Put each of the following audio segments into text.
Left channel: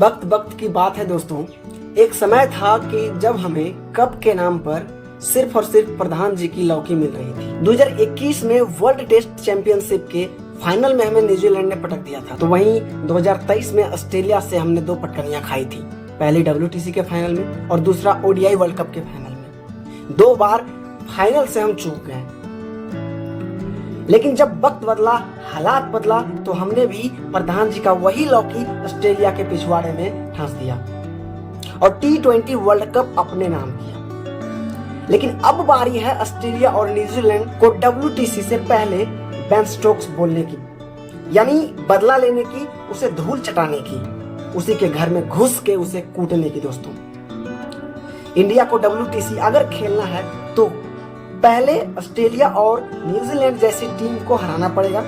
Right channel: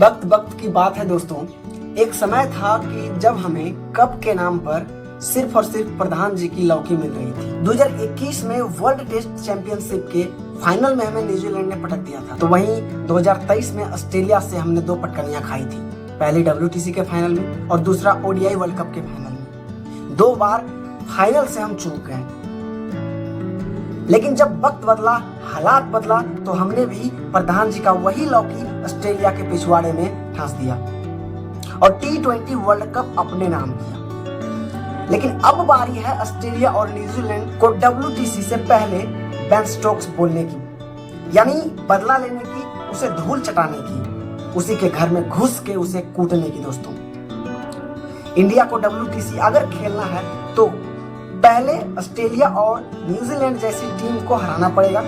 वक्त वक्त की बात है दोस्तों। एक समय था कि जब हमें कप के नाम पर सिर्फ और सिर्फ प्रधान जी की लौकी मिल रही थी। 2021 में वर्ल्ड टेस्ट चैंपियनशिप के फाइनल में हमें न्यूजीलैंड ने पटक दिया था। तो वहीं 2023 में ऑस्ट्रेलिया से हमने 2 पटकनियां खाई थी, पहली WTC के फाइनल में और दूसरा ODI वर्ल्ड कप के फाइनल में। 2 बार फाइनल से हम चूक गए। लेकिन जब वक्त बदला, हालात बदला, तो हमने भी प्रधान जी का वही लौकी ऑस्ट्रेलिया के पिछवाड़े में ठांस दिया और T20 वर्ल्ड कप अपने नाम किया। लेकिन अब बारी है ऑस्ट्रेलिया और न्यूजीलैंड को WTC से पहले बेन स्टोक्स बोलने की, यानी बदला लेने की, उसे धूल चटाने की, उसी के घर में घुस के उसे कूटने की। दोस्तों, इंडिया को WTC अगर खेलना है तो पहले ऑस्ट्रेलिया और न्यूजीलैंड जैसी टीम को हराना पड़ेगा,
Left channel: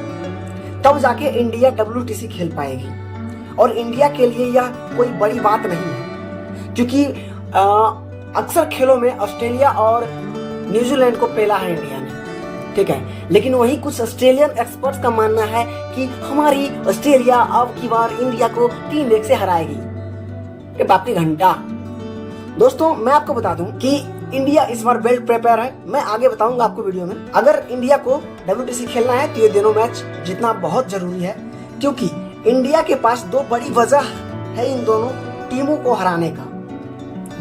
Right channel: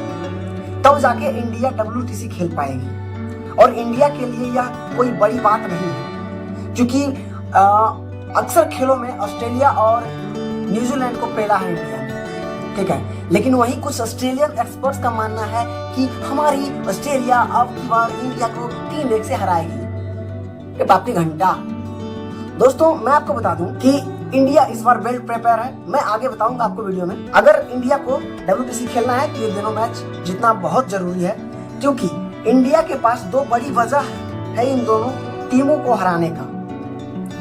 तब जाके इंडिया WTC खेल पाएगी। और इंडिया के लिए यह कोई बड़ी बात नहीं है, क्योंकि अक्सर खेलों में ऑस्ट्रेलिया और न्यूजीलैंड को पेला है इंडिया ने, ठीक है। लेकिन वही कुछ ऑस्ट्रेलियन एक्सपर्ट्स का मानना है कि हमारी ऑस्ट्रेलिया अब की बार इंडिया को 3-1 से हराएगी। ये बाप की घंटा। दोस्तों, मैं आपको बता दूं कि इंडिया इस बार वेल प्रिपेयर है। मैं आगे बताऊंगा आपको वीडियो में। अगर इंडिया को WTC खेलना है तो ये दोनों मैच जीतना बहुत जरूरी है, क्योंकि इंडिया के पास 2 बड़ी वजह है इन दोनों टीमों को हराने का।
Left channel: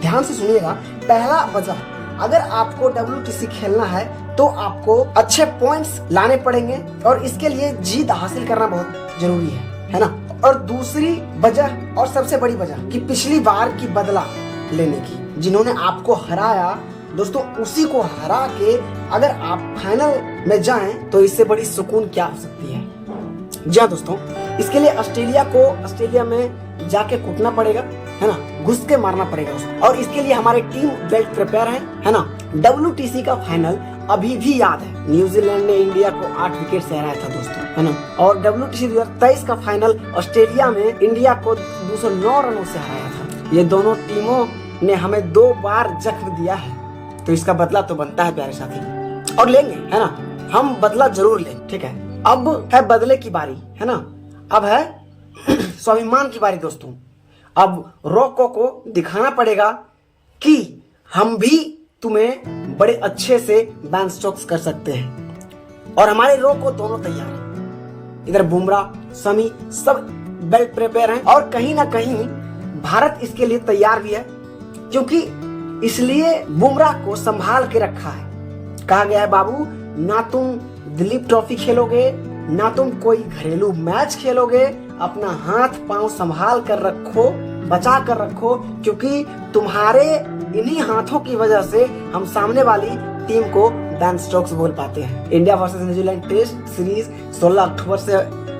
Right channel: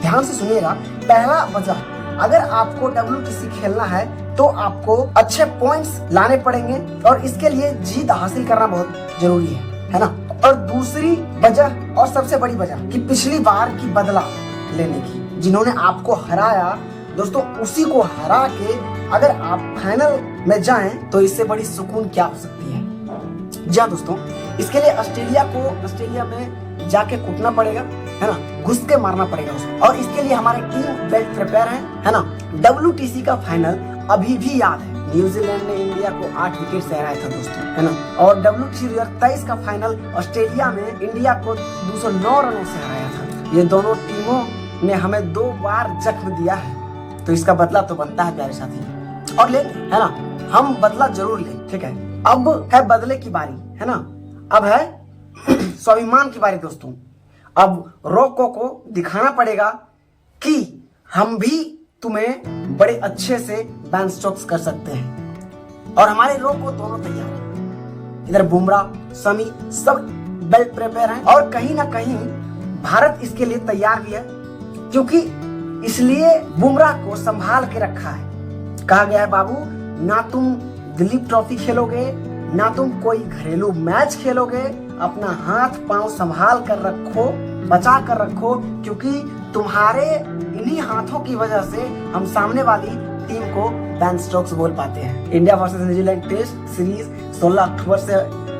ध्यान से सुनिएगा। पहला वजह, अगर आपको WTC खेलना है तो आपको अच्छे पॉइंट्स लाने पड़ेंगे और इसके लिए जीत हासिल करना बहुत जरूरी है ना। और दूसरी वजह और सबसे बड़ी वजह कि पिछली बार की बदला लेने की, जिन्होंने आपको हराया दोस्तों, उसी को हरा के अगर आप फाइनल में जाएं तो इससे बड़ी सुकून क्या हो सकती है। जी हाँ दोस्तों, इसके लिए ऑस्ट्रेलिया को ऑस्ट्रेलिया में जाके कूटना पड़ेगा, है ना, घुस के मारना पड़ेगा। और इसके लिए हमारे टीम वेल प्रिपेयर है ना। WTC का फाइनल अभी भी याद है, न्यूजीलैंड ने इंडिया को 8 विकेट से हराया था दोस्तों, है ना। और WTC 2023 का फाइनल ऑस्ट्रेलिया में इंडिया को 209 रनों से हराया था। ये दोनों टीमों ने हमें 2 बार जख्म दिया है, तो इसका बदला तो बनता है प्यारे साथी, और लेंगे, है ना। हम बदला जरूर लेंगे, ठीक है। अब है बदले की बारी, है ना। अब है स्वाभिमान की बारी दोस्तों। अब रोको को दिखाना पड़ेगा कि हम भी तुम्हें बड़े अच्छे से बेन स्टोक्स कर सकते हैं, और हमारे रोको दोनों तैयार हैं। इधर बुमराह, शमी सब वेल प्रिपेयर हैं, और कहीं ना कहीं भारत इसके लिए तैयार भी है, क्योंकि इसलिए बुमराह को संभाल के रखा है। कहा गया है, बाबू ना तुम दिलीप ट्रॉफी खेलोगे, ना तुम कोई घरेलू मैच खेलोगे, अपना हाथ पांव संभाल कर रखो, बचा कर रखो, क्योंकि तुम्हारे इन्हीं हाथों की वजह से हम सामने वाली टीम को बेन स्टोक्स बोल पाते हैं। India versus New Zealand test series 16 अक्टूबर से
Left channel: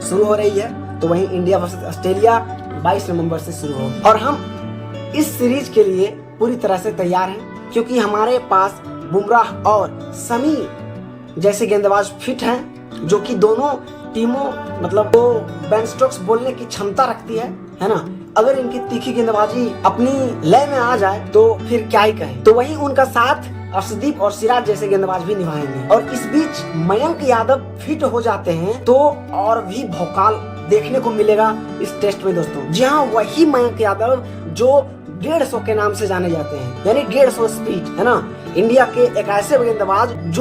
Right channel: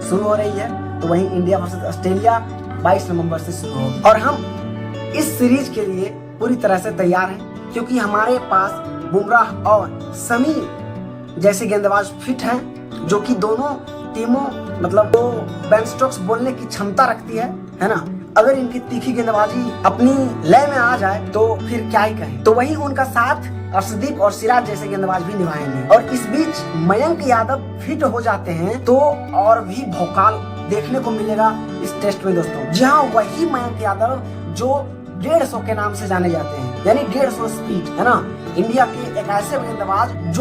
शुरू हो रही है, तो वहीं इंडिया वर्सेस ऑस्ट्रेलिया 22 नवंबर से शुरू होगी। और हम इस सीरीज के लिए पूरी तरह से तैयार हैं, क्योंकि हमारे पास बुमराह और शमी जैसे गेंदबाज फिट हैं, जो कि दोनों टीमों मतलब वो बेन स्टोक्स बोलने की क्षमता रखती है ना। अगर इनकी तीखी गेंदबाजी अपनी लय में आ जाए तो फिर क्या ही कहें। तो वहीं उनका साथ अर्शदीप और सिराज जैसे गेंदबाज भी निभाएंगे। और इस बीच मयंक यादव फिट हो जाते हैं तो और भी भौकाल देखने को मिलेगा इस टेस्ट में दोस्तों। जी हाँ, वही मयंक यादव जो 150 के नाम से जाने जाते हैं, यानी 150 स्पीड, है ना। इंडिया के एक ऐसे गेंदबाज जो